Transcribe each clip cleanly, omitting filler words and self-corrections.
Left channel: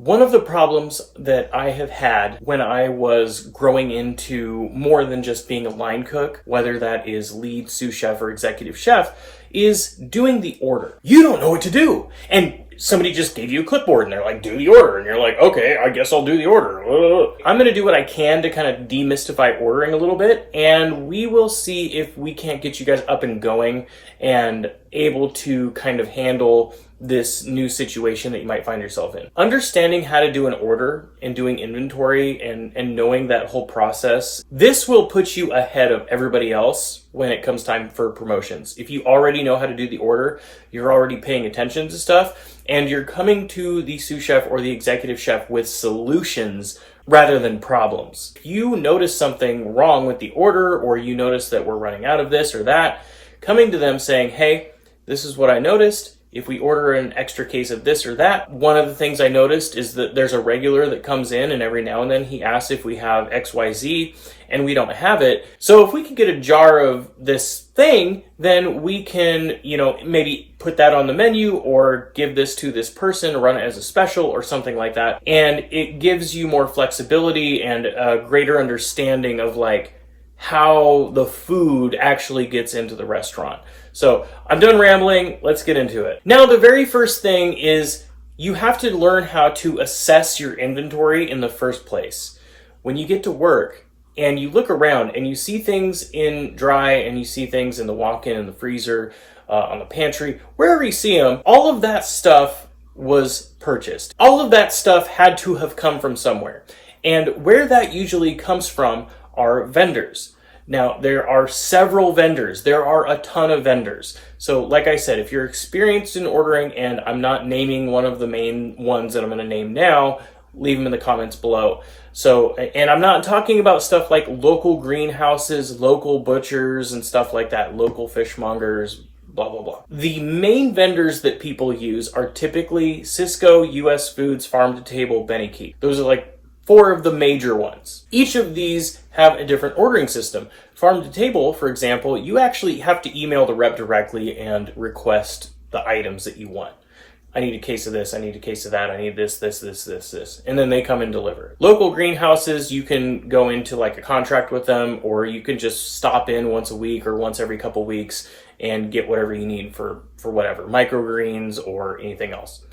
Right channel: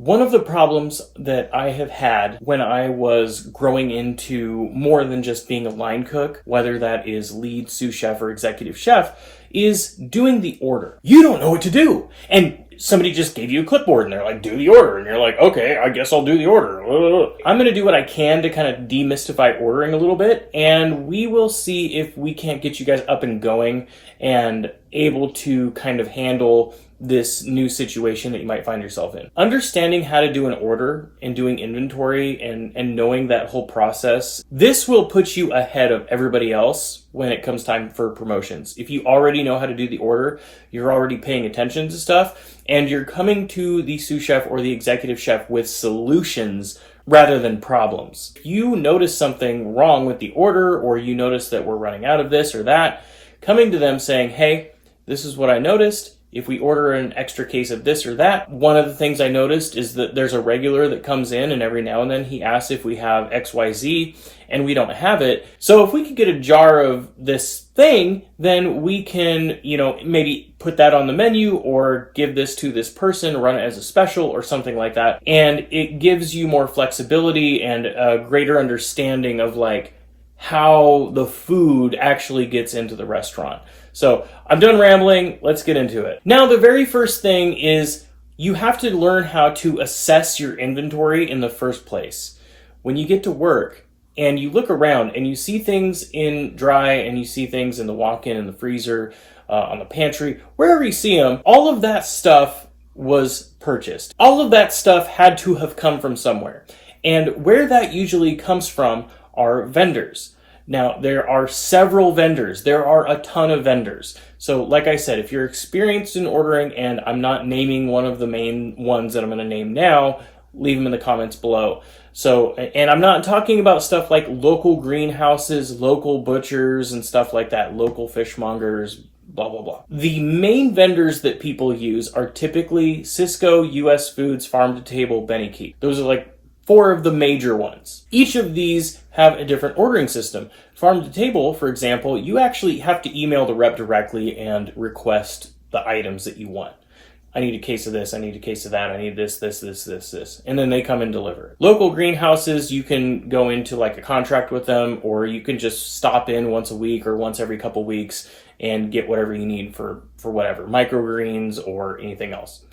One of the problems that I have had when I was growing into more than just being a line cook, whether that is lead sous chef or executive chef, is doing the order. You don't know what to do. And somebody just gave you a clipboard and they're like, do the order. And you're like, okay, I guess I'll do the order. I'm going to do what I can to kind of demystify ordering a little bit. And we will see if we can't get you guys up and going and able to kind of handle this new situation that you might find yourself in. Understanding how to do an order and doing inventory and knowing that whole process, this will put you ahead of everybody else when it comes time for promotions. If you already know how to do the order, you're already paying attention to stuff, and you're coming to the sous chef or the executive chef with solutions rather than problems. If you notice something wrong with the order, or you notice that we're running out of this or that, coming to them saying, hey, this is what I noticed. If we order an extra case of this or that, one of the things I noticed is that there's a regular that comes in and every now and then he asks if we have XYZ and we don't have it. So if we could get a jar of this thing, then we can, maybe put that on the menu or give this to this person, run it as a special or something like that. And it gives you more flexibility and a greater understanding of how the food actually gets into the restaurant. So I'm done rambling. Let's get into it. Now, the very first thing is you have to learn how to assess your inventory in the first place. When you get to work and you look around and you see things in dry and you see things in the walk-in, in the freezer, on the pantry, wherever you see them, all of that stuff was purchased. All of that stuff had to have come from somewhere. And where that usually comes from are vendors. Now, there are several vendors. There are a ton of vendors. So like I said, if you're experienced in ordering, and I'm not naming one of the main ones that I'm going to name now, leave them in the comments below. So, and I'm not talking about stuff like local greenhouses, local butchers and stuff like that, local fishmongers, blah, blah, blah. The main vendors that people use are typically Sysco, US Foods, Farm to Table, Benny Keith. Those are 4 of the major ones. Each of these have a different ordering system. Farm to Table, for example, you actually have to email the rep directly and request the items that you want. I need a case of this, I need a case of that, I need this, and then they come and deliver. Local greenhouses, you can go into a contract with them, or you can just stop in once a week or once every couple weeks and get whatever you need for whatever, microgreens or anything else.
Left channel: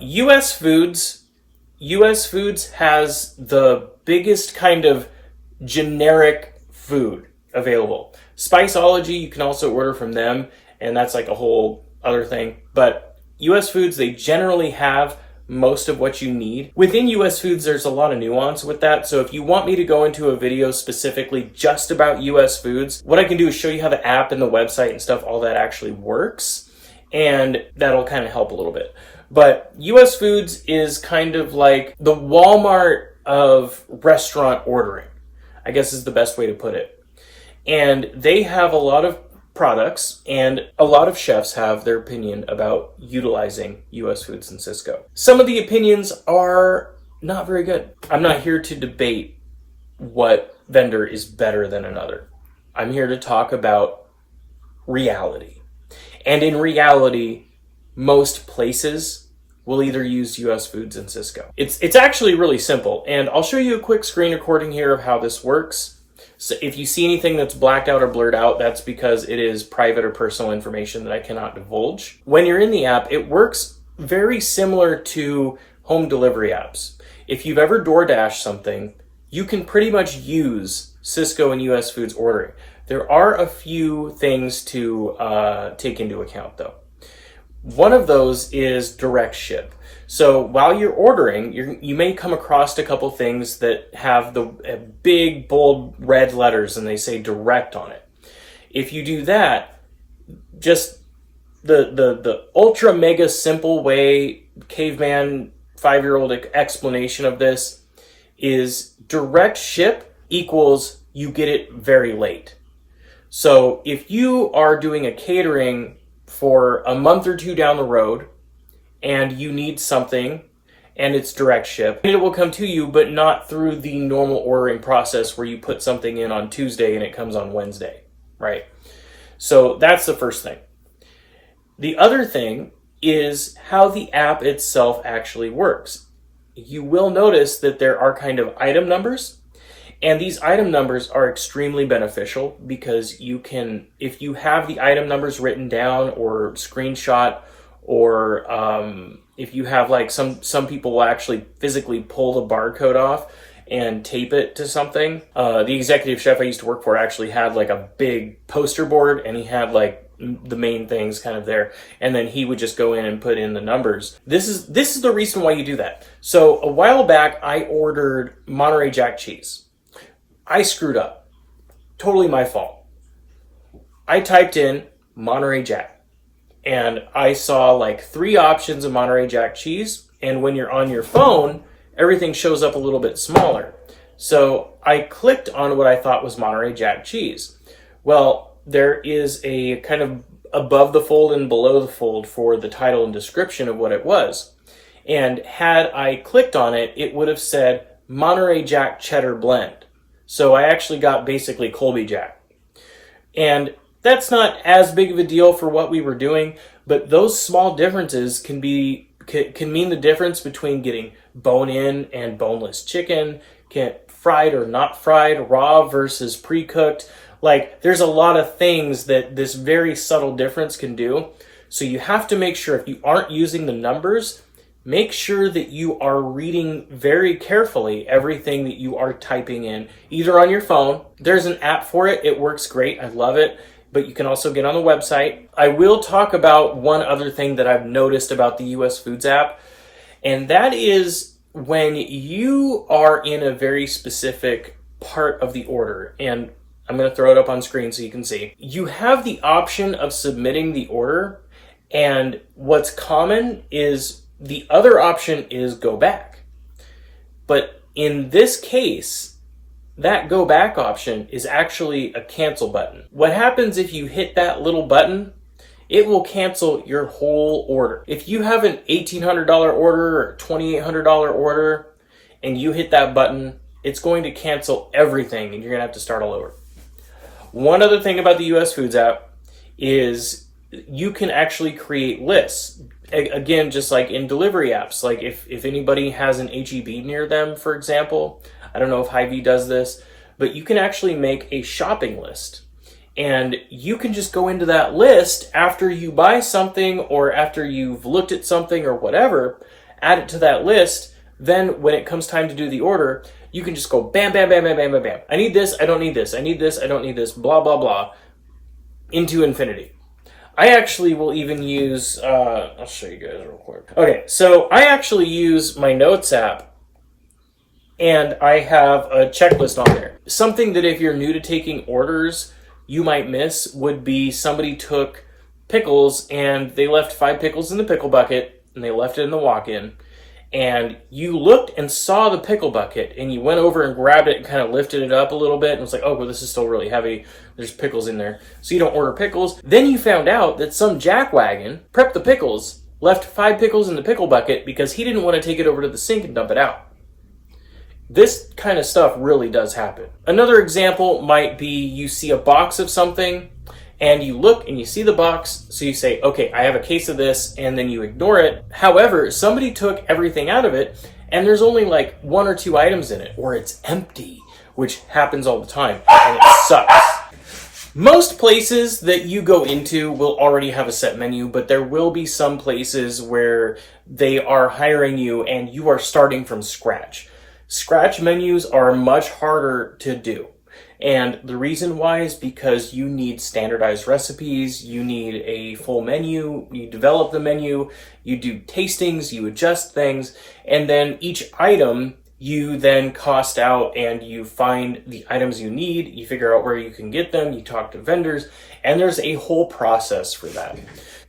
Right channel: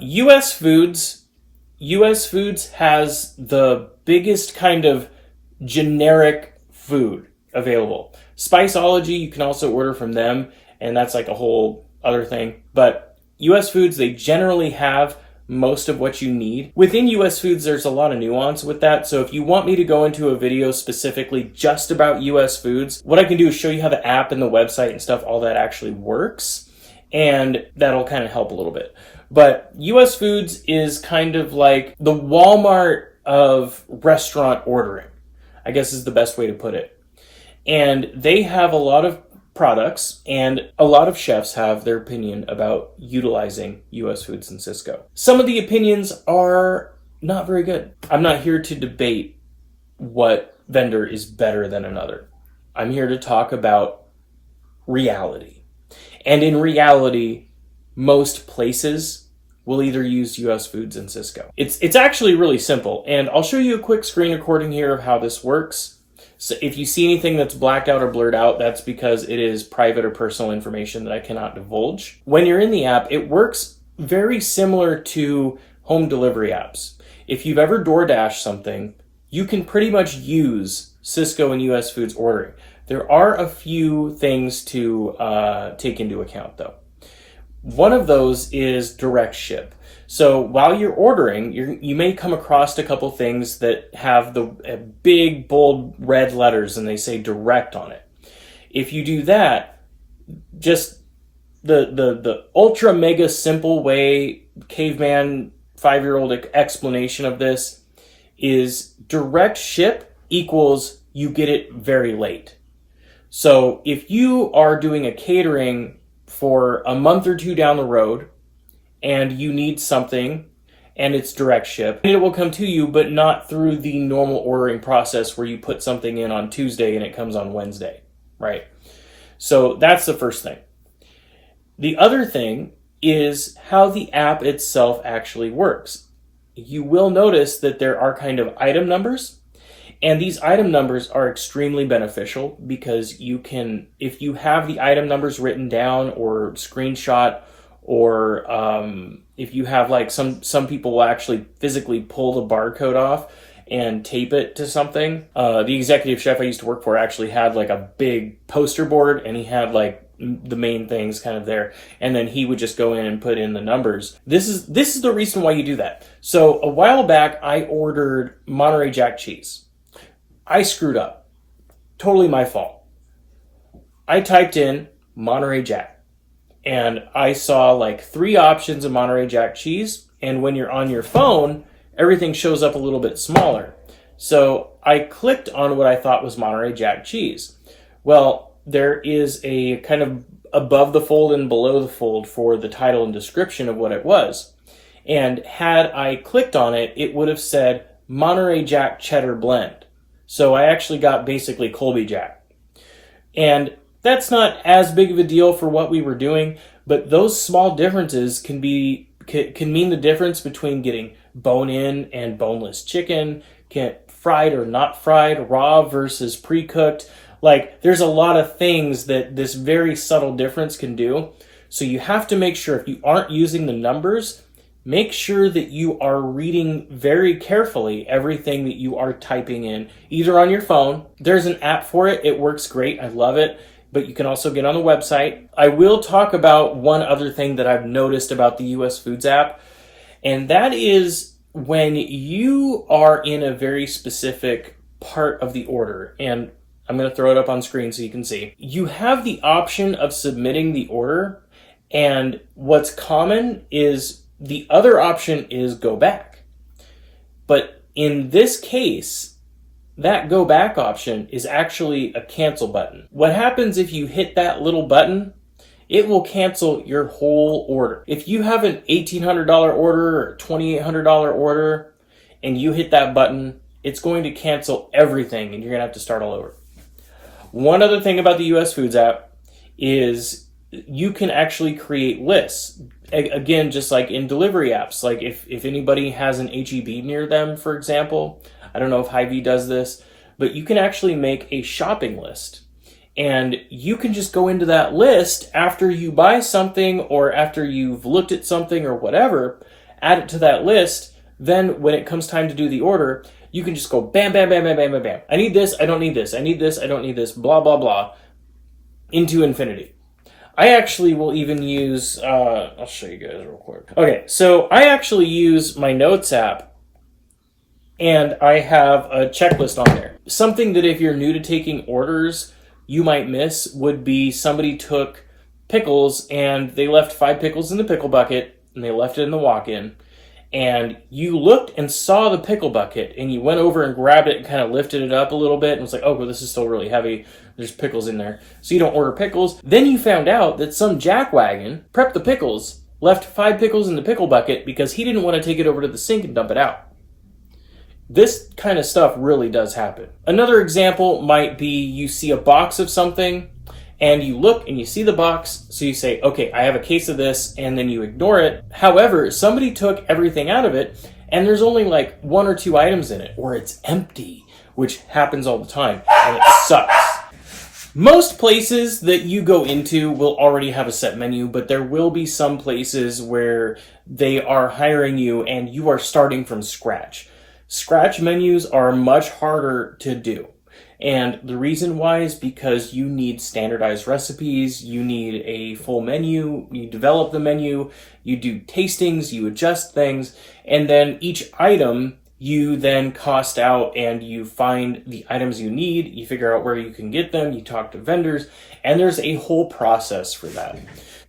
US Foods has the biggest kind of generic food available. Spiceology, you can also order from them, and that's a whole other thing. But US Foods, they generally have most of what you need. Within US Foods, there's a lot of nuance with that. So if you want me to go into a video specifically just about US Foods, what I can do is show you how the app and the website and stuff, all that actually works. And that'll kind of help a little bit. But US Foods is kind of like the Walmart of restaurant ordering, I guess is the best way to put it. And they have a lot of products, and a lot of chefs have their opinion about utilizing US Foods and Sysco. Some of the opinions are not very good. I'm not here to debate what vendor is better than another. I'm here to talk about reality. And in reality, most places will either use US Foods and Sysco. It's actually really simple, and I'll show you a quick screen recording here of how this works. So if you see anything that's blacked out or blurred out, that's because it is private or personal information that I cannot divulge. When you're in the app, it works very similar to home delivery apps. If you've ever DoorDash something, you can pretty much use Sysco and US Foods ordering. There are a few things to take into account though. One of those is direct ship. So while you're ordering, you may come across a couple things that have the big, bold red letters and they say direct on it. If you do that, just the ultra mega simple way, caveman 5-year-old explanation of this is direct ship equals you get it very late. So if you are doing a catering for a month or two down the road and you need something and it's direct ship, it will come to you, but not through the normal ordering process where you put something in on Tuesday and it comes on Wednesday, right? So that's the first thing. The other thing is how the app itself actually works. You will notice that there are kind of item numbers, and these item numbers are extremely beneficial because you can, if you have the item numbers written down or screenshot, or if you have like some people will actually physically pull the barcode off and tape it to something. The executive chef I used to work for actually had like a big poster board, and he had like the main things kind of there, and then he would just go in and put in the numbers. This is the reason why you do that. So a while back I ordered Monterey Jack cheese. I screwed up. Totally my fault. I typed in Monterey Jack, and I saw like 3 options of Monterey Jack cheese, and when you're on your phone, everything shows up a little bit smaller. So I clicked on what I thought was Monterey Jack cheese. Well, there is a kind of above the fold and below the fold for the title and description of what it was. And had I clicked on it, it would have said Monterey Jack Cheddar Blend. So I actually got basically Colby Jack. And that's not as big of a deal for what we were doing, but those small differences can mean the difference between getting bone-in and boneless chicken, fried or not fried, raw versus pre-cooked. Like, there's a lot of things that this very subtle difference can do. So you have to make sure, if you aren't using the numbers, make sure that you are reading very carefully everything that you are typing in, either on your phone. There's an app for it. It works great. I love it. But you can also get on the website. I will talk about one other thing that I've noticed about the US Foods app, and that is when you are in a very specific part of the order, and I'm going to throw it up on screen so you can see. You have the option of submitting the order, and what's common is the other option is go back. But in this case, that go back option is actually a cancel button. What happens if you hit that little button? It will cancel your whole order. If you have an $1,800 order or $2,800 order and you hit that button, it's going to cancel everything and you're going to have to start all over. One other thing about the US Foods app is you can actually create lists. Again, just like in delivery apps, like if anybody has an H-E-B near them, for example, I don't know if Hy-Vee does this, but you can actually make a shopping list. And you can just go into that list after you buy something or after you've looked at something or whatever, add it to that list. Then when it comes time to do the order, you can just go bam, bam, bam, bam, bam, bam, bam. I need this, I don't need this. I need this, I don't need this, blah, blah, blah, into infinity. I actually will even use, I'll show you guys real quick. Okay, so I actually use my Notes app, and I have a checklist on there. Something that if you're new to taking orders, you might miss would be somebody took pickles and they left 5 pickles in the pickle bucket and they left it in the walk-in. And you looked and saw the pickle bucket and you went over and grabbed it and kind of lifted it up a little bit and was like, oh, well, this is still really heavy. There's pickles in there. So you don't order pickles. Then you found out that some jackwagon prepped the pickles, left 5 pickles in the pickle bucket because he didn't want to take it over to the sink and dump it out. This kind of stuff really does happen. Another example might be you see a box of something and you look and you see the box, so you say, okay, I have a case of this, and then you ignore it. However, somebody took everything out of it and there's only like 1 or 2 items in it, or it's empty, which happens all the time, and it sucks. Most places that you go into will already have a set menu, but there will be some places where they are hiring you and you are starting from scratch. Scratch menus are much harder to do. And the reason why is because you need standardized recipes, you need a full menu, you develop the menu, you do tastings, you adjust things, and then each item you then cost out and you find the items you need, you figure out where you can get them, you talk to vendors, and there's a whole process for that.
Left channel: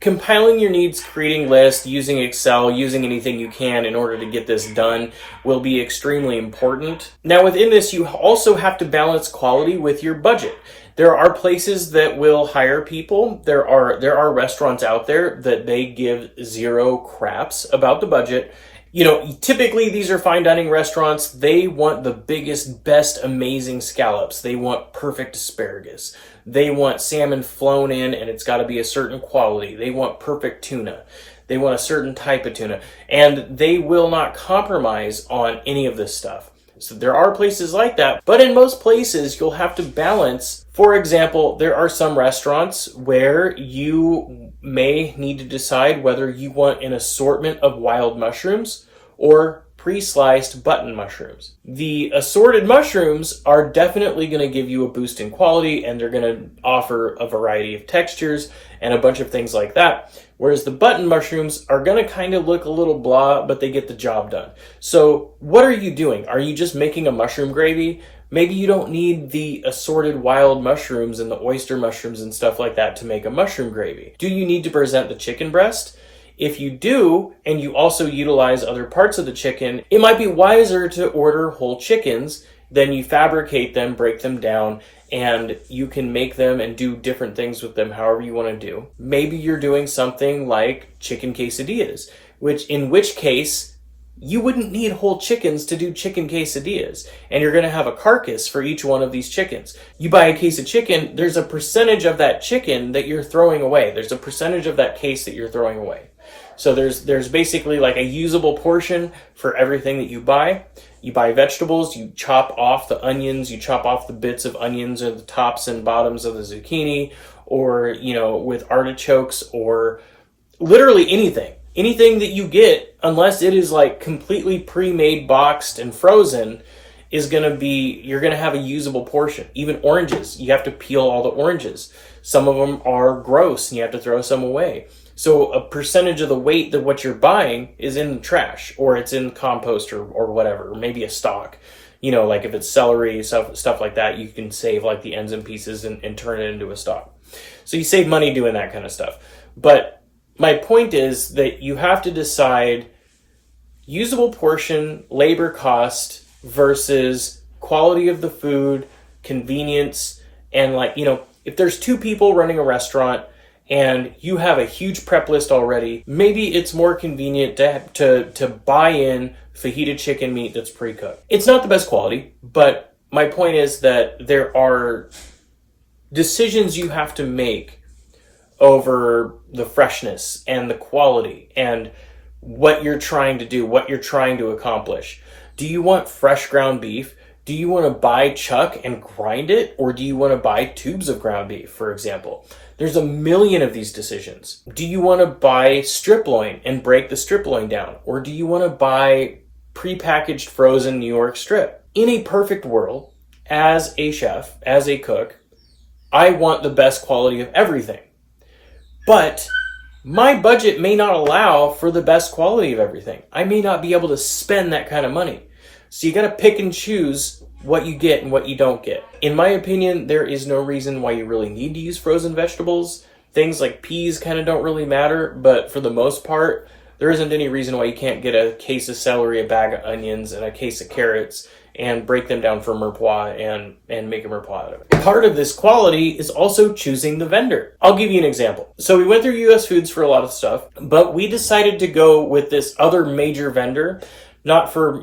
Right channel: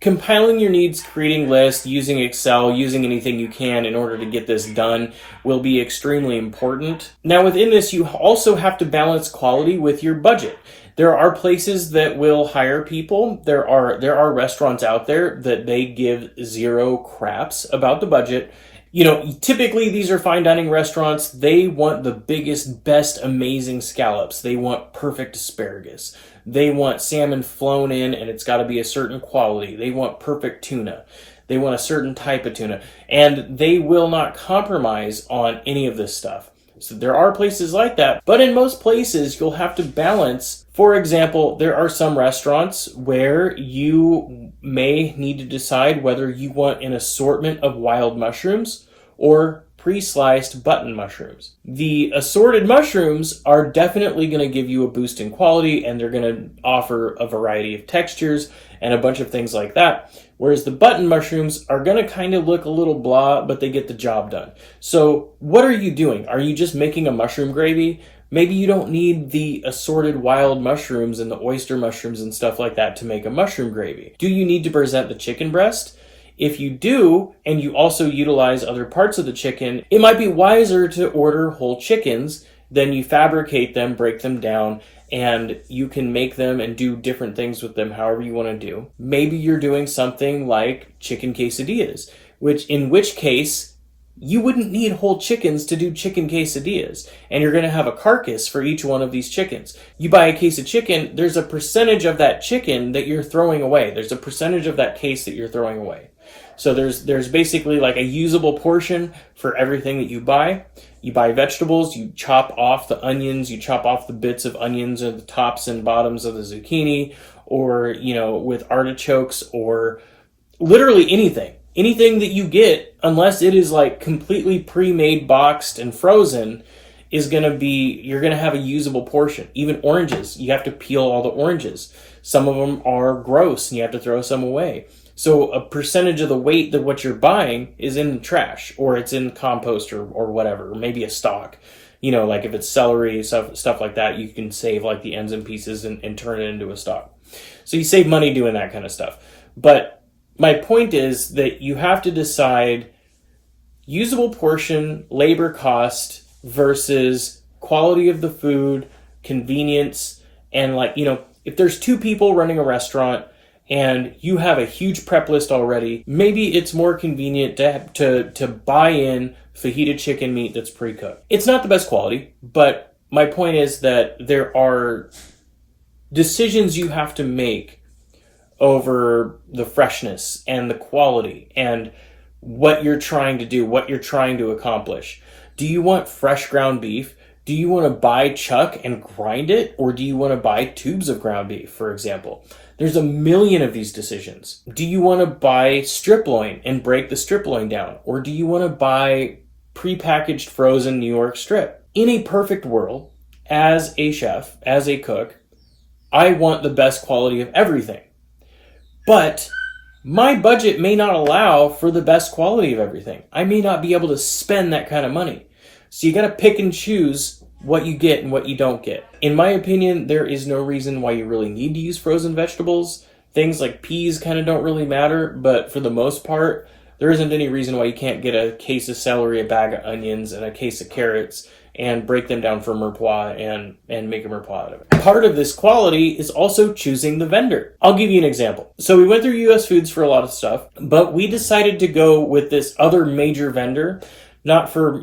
Compiling your needs, creating lists, using Excel, using anything you can in order to get this done will be extremely important. Now within this, you also have to balance quality with your budget. There are places that will hire people. There are restaurants out there that they give 0 craps about the budget. You know, typically these are fine dining restaurants. They want the biggest, best, amazing scallops. They want perfect asparagus. They want salmon flown in and it's got to be a certain quality. They want perfect tuna. They want a certain type of tuna, and they will not compromise on any of this stuff. So there are places like that, but in most places you'll have to balance. For example, there are some restaurants where you may need to decide whether you want an assortment of wild mushrooms or pre-sliced button mushrooms. The assorted mushrooms are definitely going to give you a boost in quality, and they're going to offer a variety of textures and a bunch of things like that. Whereas the button mushrooms are going to kind of look a little blah, but they get the job done. So what are you doing? Are you just making a mushroom gravy? Maybe you don't need the assorted wild mushrooms and the oyster mushrooms and stuff like that to make a mushroom gravy. Do you need to present the chicken breast? If you do, and you also utilize other parts of the chicken, it might be wiser to order whole chickens. Then you fabricate them, break them down, and you can make them and do different things with them however you want to do. Maybe you're doing something like chicken quesadillas, in which case you wouldn't need whole chickens to do chicken quesadillas, and you're going to have a carcass for each one of these chickens. You buy a case of chicken, there's a percentage of that chicken that you're throwing away. There's a percentage of that case that you're throwing away. So there's basically like a usable portion for everything that you buy. You buy vegetables, you chop off the onions, you chop off the bits of onions or the tops and bottoms of the zucchini, or, with artichokes, or literally anything. Anything that you get, unless it is like completely pre-made, boxed, and frozen, you're going to have a usable portion. Even oranges, you have to peel all the oranges. Some of them are gross and you have to throw some away. So a percentage of the weight of what you're buying is in the trash, or it's in compost or whatever, or maybe a stock. Like if it's celery, stuff like that, you can save like the ends and pieces and turn it into a stock. So you save money doing that kind of stuff. But my point is that you have to decide usable portion, labor cost versus quality of the food, convenience, and if there's two people running a restaurant and you have a huge prep list already, maybe it's more convenient to buy in fajita chicken meat that's pre-cooked. It's not the best quality, but my point is that there are decisions you have to make over the freshness and the quality and what you're trying to do, what you're trying to accomplish. Do you want fresh ground beef? Do you want to buy chuck and grind it? Or do you want to buy tubes of ground beef, for example? There's a million of these decisions. Do you want to buy strip loin and break the strip loin down? Or do you want to buy prepackaged frozen New York strip? In a perfect world, as a chef, as a cook, I want the best quality of everything. But my budget may not allow for the best quality of everything. I may not be able to spend that kind of money. So you got to pick and choose what you get and what you don't get. In my opinion, there is no reason why you really need to use frozen vegetables. Things like peas kind of don't really matter, but for the most part, there isn't any reason why you can't get a case of celery, a bag of onions, and a case of carrots and break them down for mirepoix and make a mirepoix out of it. Part of this quality is also choosing the vendor. I'll give you an example. So we went through US Foods for a lot of stuff, but we decided to go with this other major vendor, not for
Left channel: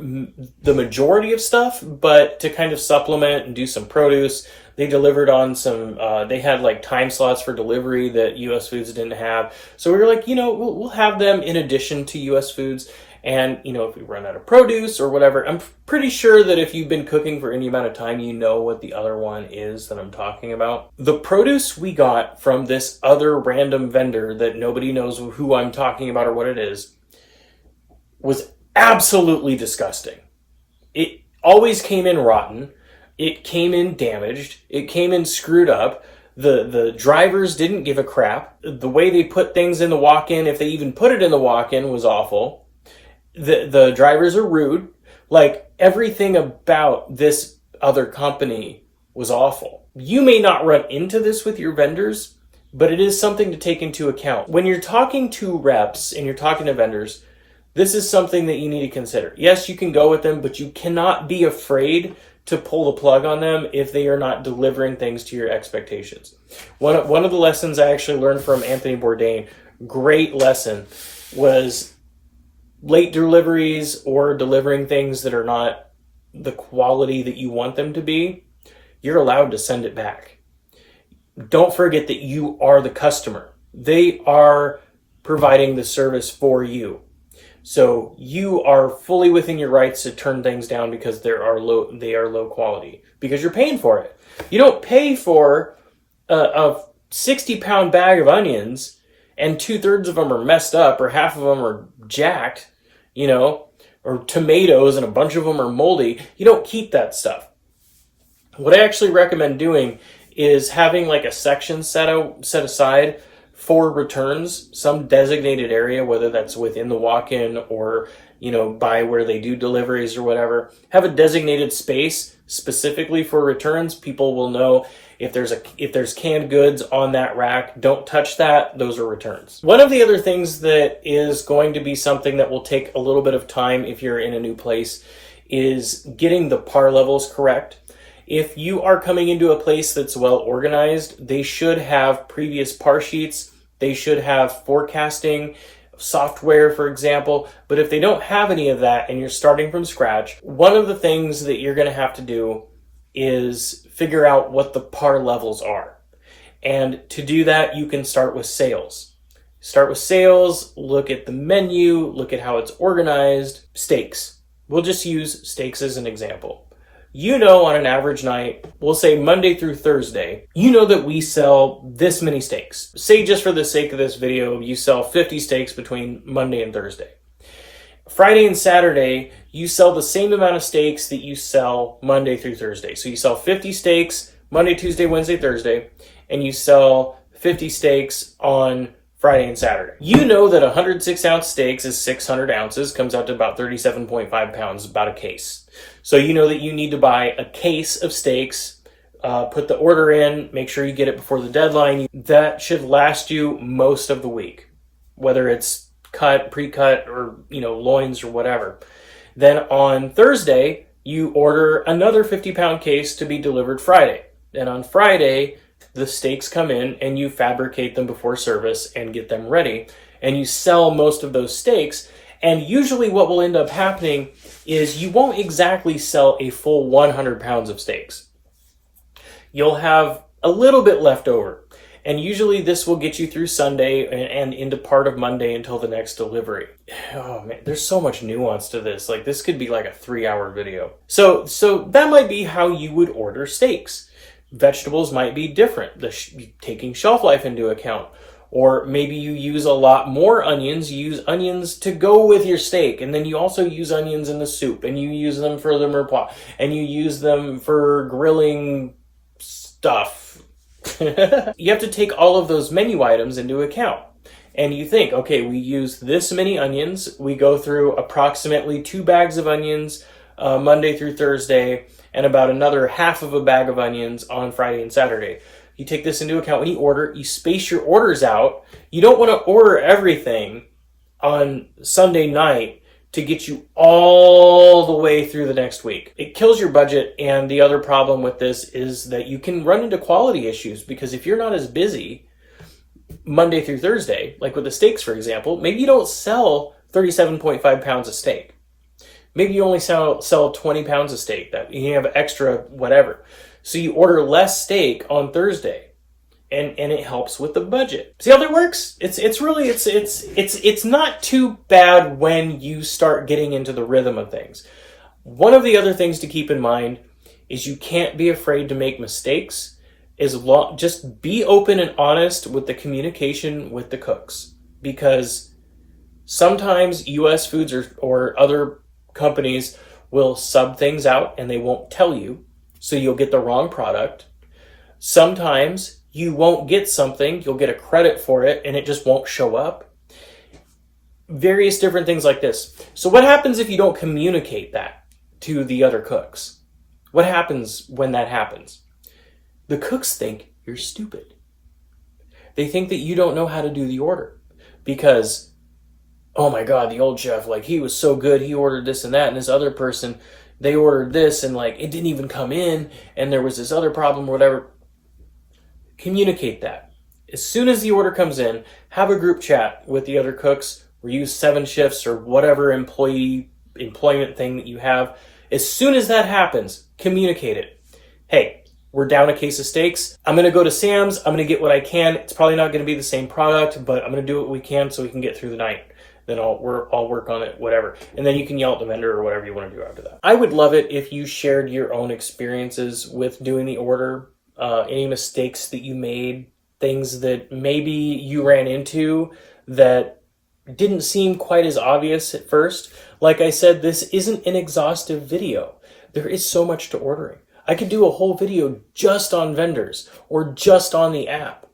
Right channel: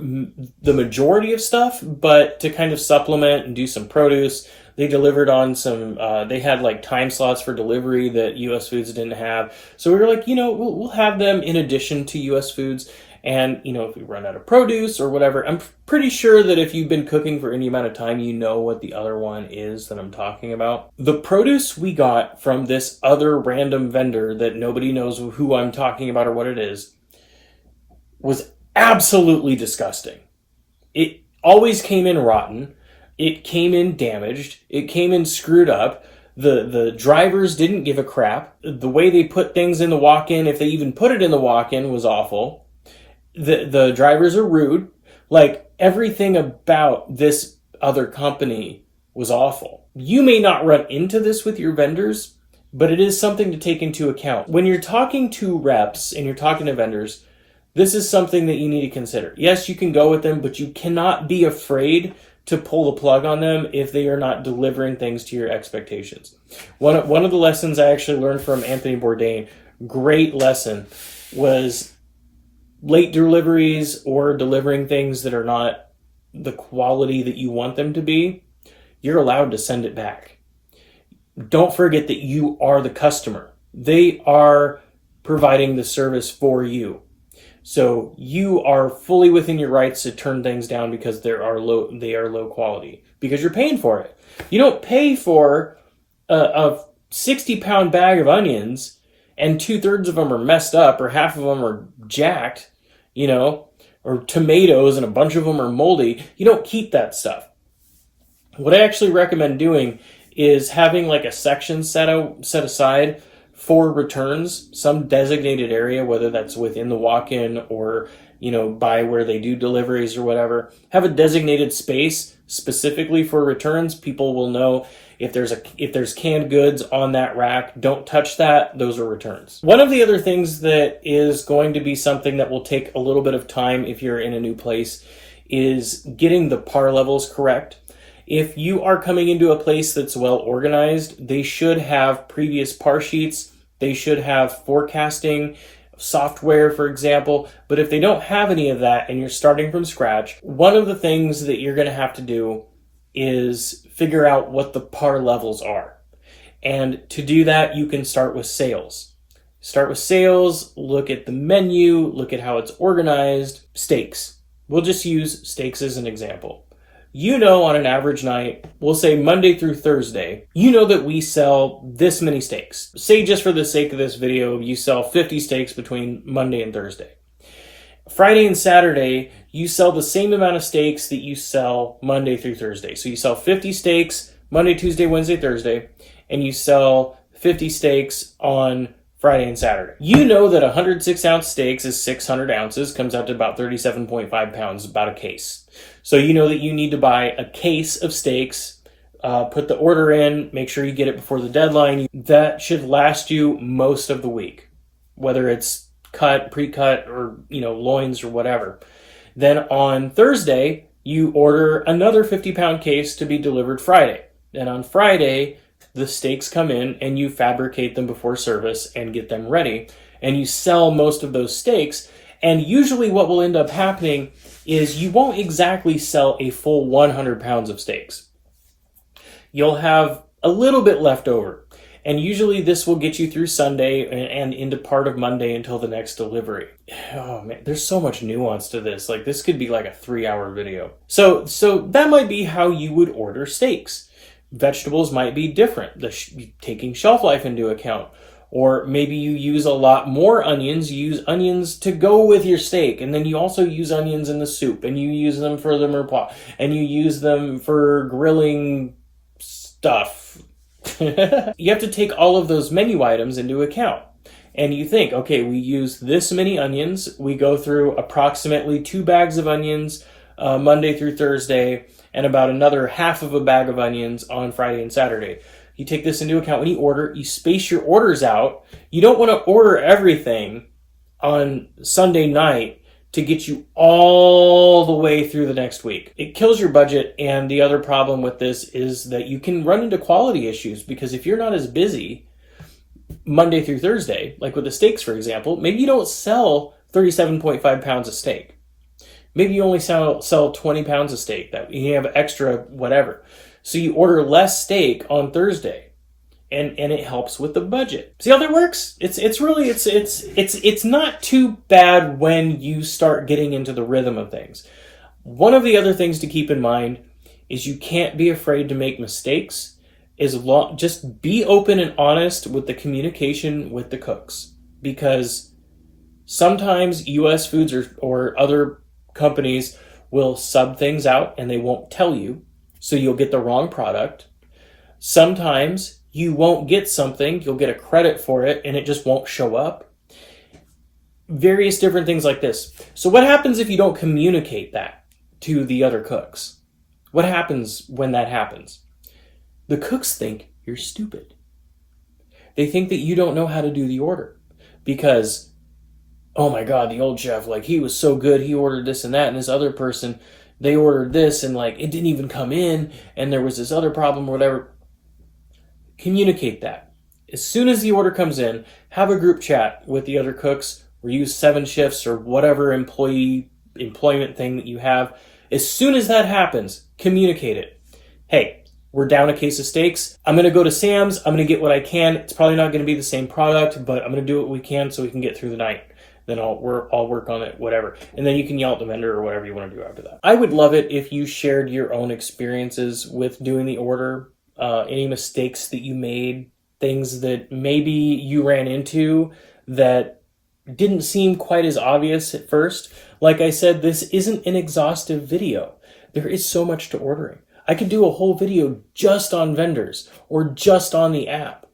the majority of stuff, but to kind of supplement and do some produce. They delivered on some, they had like time slots for delivery that US Foods didn't have. So we were like, we'll have them in addition to US Foods. And, if we run out of produce or whatever, I'm pretty sure that if you've been cooking for any amount of time, you know what the other one is that I'm talking about. The produce we got from this other random vendor that nobody knows who I'm talking about or what it is was absolutely disgusting. It always came in rotten. It came in damaged. It came in screwed up. The drivers didn't give a crap. The way they put things in the walk-in, if they even put it in the walk-in, was awful. The drivers are rude. Like, everything about this other company was awful. You may not run into this with your vendors, but it is something to take into account. When you're talking to reps and you're talking to vendors, this is something that you need to consider. Yes, you can go with them, but you cannot be afraid to pull the plug on them if they are not delivering things to your expectations. One of the lessons I actually learned from Anthony Bourdain, great lesson, was late deliveries or delivering things that are not the quality that you want them to be, you're allowed to send it back. Don't forget that you are the customer. They are providing the service for you. So you are fully within your rights to turn things down because they are low quality, because you're paying for it. You don't pay for a 60-pound bag of onions and 2/3 of them are messed up or half of them are jacked, or tomatoes and a bunch of them are moldy. You don't keep that stuff. What I actually recommend doing is having like a section set aside for returns, some designated area, whether that's within the walk-in or, by where they do deliveries or whatever. Have a designated space specifically for returns. People will know if there's canned goods on that rack, don't touch that. Those are returns. One of the other things that is going to be something that will take a little bit of time if you're in a new place is getting the par levels correct. If you are coming into a place that's well organized, they should have previous par sheets. They should have forecasting software, for example. But if they don't have any of that and you're starting from scratch, one of the things that you're going to have to do is figure out what the par levels are. And to do that, you can start with sales. Start with sales, look at the menu, look at how it's organized. Steaks. We'll just use steaks as an example. On an average night, we'll say Monday through Thursday, that we sell this many steaks. Say, just for the sake of this video, you sell 50 steaks between Monday and Thursday. Friday and Saturday, you sell the same amount of steaks that you sell Monday through Thursday. So you sell 50 steaks Monday, Tuesday, Wednesday, Thursday, and you sell 50 steaks on Friday and Saturday. That 106-ounce steaks is 600 ounces, comes out to about 37.5 pounds, about a case. So that you need to buy a case of steaks, put the order in, make sure you get it before the deadline. That should last you most of the week, whether it's cut, pre-cut, or, loins or whatever. Then on Thursday, you order another 50-pound case to be delivered Friday. And on Friday, the steaks come in and you fabricate them before service and get them ready. And you sell most of those steaks. And usually what will end up happening is you won't exactly sell a full 100 pounds of steaks. You'll have a little bit left over. And usually this will get you through Sunday and into part of Monday until the next delivery. Oh man, there's so much nuance to this. Like, this could be like a 3-hour video. So that might be how you would order steaks. Vegetables might be different, taking shelf life into account. Or maybe you use a lot more onions. You use onions to go with your steak. And then you also use onions in the soup. And you use them for the mirepoix. And you use them for grilling stuff. You have to take all of those menu items into account. And you think, okay, we use this many onions. We go through approximately 2 bags of onions Monday through Thursday, and about another half of a bag of onions on Friday and Saturday. You take this into account when you order. You space your orders out. You don't want to order everything on Sunday night to get you all the way through the next week. It kills your budget, and the other problem with this is that you can run into quality issues, because if you're not as busy Monday through Thursday, like with the steaks, for example, maybe you don't sell 37.5 pounds of steak. Maybe you only sell 20 pounds of steak, that you have extra whatever. So you order less steak on Thursday, and it helps with the budget. See how that works? It's not too bad when you start getting into the rhythm of things. One of the other things to keep in mind is you can't be afraid to make mistakes. Just be open and honest with the communication with the cooks, because sometimes US Foods or other companies will sub things out and they won't tell you, so you'll get the wrong product. Sometimes you won't get something, you'll get a credit for it, and it just won't show up. Various different things like this. So what happens if you don't communicate that to the other cooks? What happens when that happens? The cooks think you're stupid. They think that you don't know how to do the order because, oh my God, the old chef, he was so good, he ordered this and that, and this other person, they ordered this and it didn't even come in, and there was this other problem or whatever. Communicate that. As soon as the order comes in, have a group chat with the other cooks, or use 7 shifts or whatever employment thing that you have. As soon as that happens, communicate it. Hey, we're down a case of steaks. I'm going to go to Sam's. I'm going to get what I can. It's probably not going to be the same product, but I'm going to do what we can so we can get through the night. Then I'll work on it, whatever. And then you can yell at the vendor or whatever you want to do after that. I would love it if you shared your own experiences with doing the order, any mistakes that you made, things that maybe you ran into that didn't seem quite as obvious at first. Like I said, this isn't an exhaustive video. There is so much to ordering. I could do a whole video just on vendors or just on the app.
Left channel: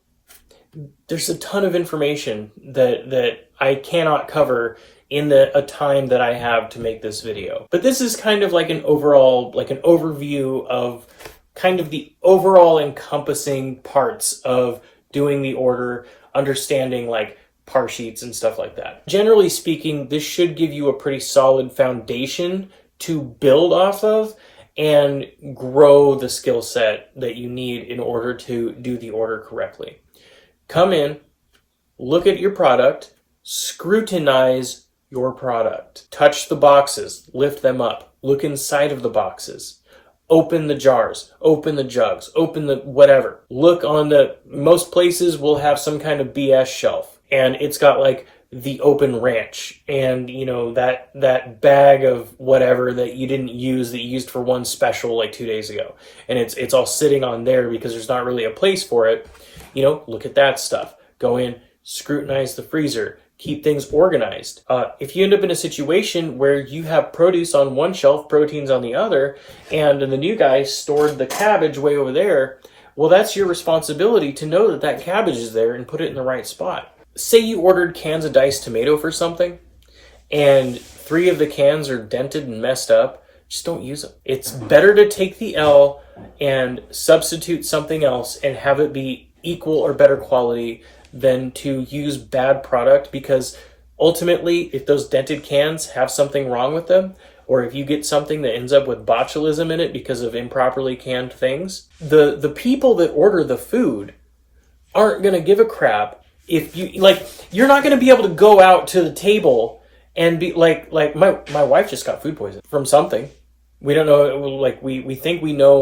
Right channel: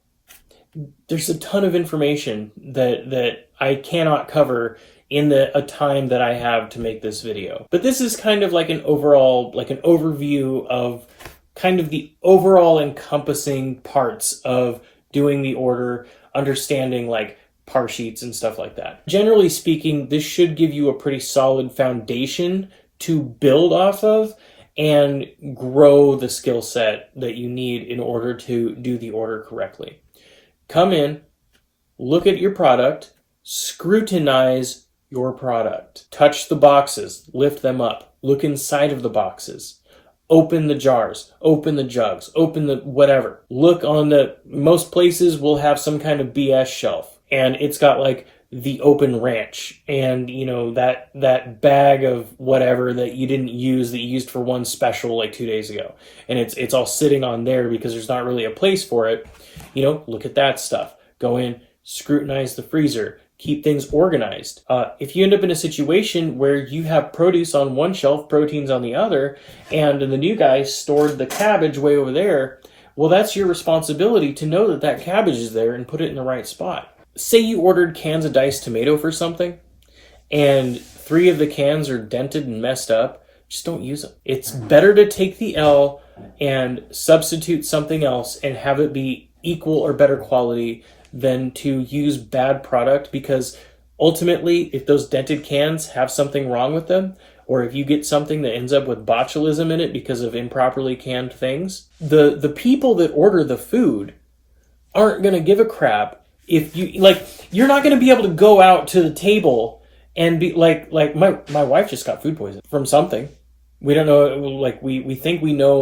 There's a ton of information that I cannot cover in a time that I have to make this video. But this is kind of like an overview of kind of the overall encompassing parts of doing the order, understanding like par sheets and stuff like that. Generally speaking, this should give you a pretty solid foundation to build off of and grow the skill set that you need in order to do the order correctly. Come in, look at your product, scrutinize your product. Touch the boxes, lift them up, look inside of the boxes, open the jars, open the jugs, open the whatever. Look on most places will have some kind of BS shelf, and it's got like the open ranch and that bag of whatever that you didn't use that you used for one special like 2 days ago, and it's all sitting on there because there's not really a place for it. Look at that stuff. Go in, scrutinize the freezer, keep things organized. If you end up in a situation where you have produce on one shelf, proteins on the other, and the new guy stored the cabbage way over there, well, that's your responsibility to know that cabbage is there and put it in the right spot. Say you ordered cans of diced tomato for something, and 3 of the cans are dented and messed up, just don't use them. It's better to take the L and substitute something else and have it be equal or better quality than to use bad product, because ultimately, if those dented cans have something wrong with them, or if you get something that ends up with botulism in it because of improperly canned things, the people that order the food aren't going to give a crap. If you're not going to be able to go out to the table and be like my wife just got food poisoning from something. We don't know, we think we know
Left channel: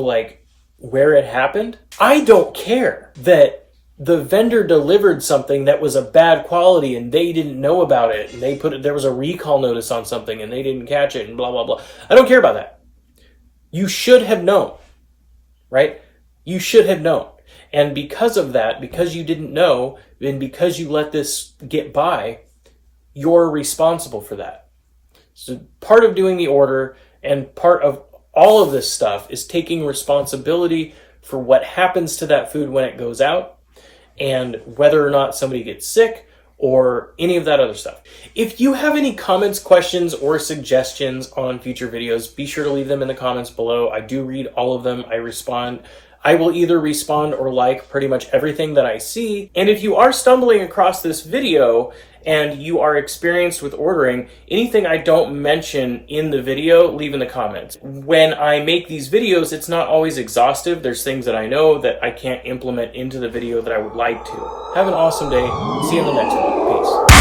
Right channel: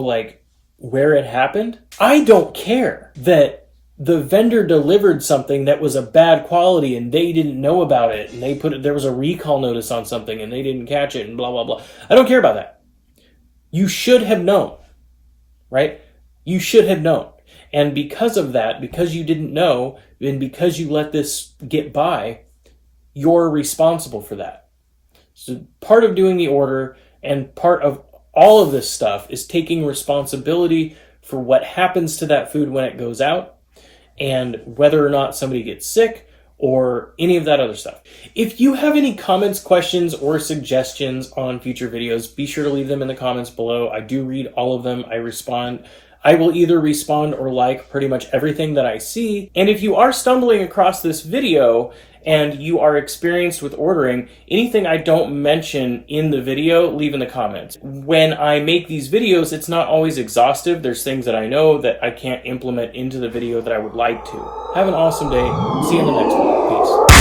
where it happened. I don't care that the vendor delivered something that was a bad quality and they didn't know about it, and there was a recall notice on something and they didn't catch it and blah, blah, blah. I don't care about that. You should have known, right? You should have known. And because of that, because you didn't know, and because you let this get by, you're responsible for that. So part of doing the order and part of all of this stuff is taking responsibility for what happens to that food when it goes out, and whether or not somebody gets sick or any of that other stuff. If you have any comments, questions, or suggestions on future videos, be sure to leave them in the comments below. I do read all of them. I respond. I will either respond or like pretty much everything that I see. And if you are stumbling across this video and you are experienced with ordering, anything I don't mention in the video, leave in the comments. When I make these videos, it's not always exhaustive. There's things that I know that I can't implement into the video that I would like to. Have an awesome day. See you in the next one. Peace.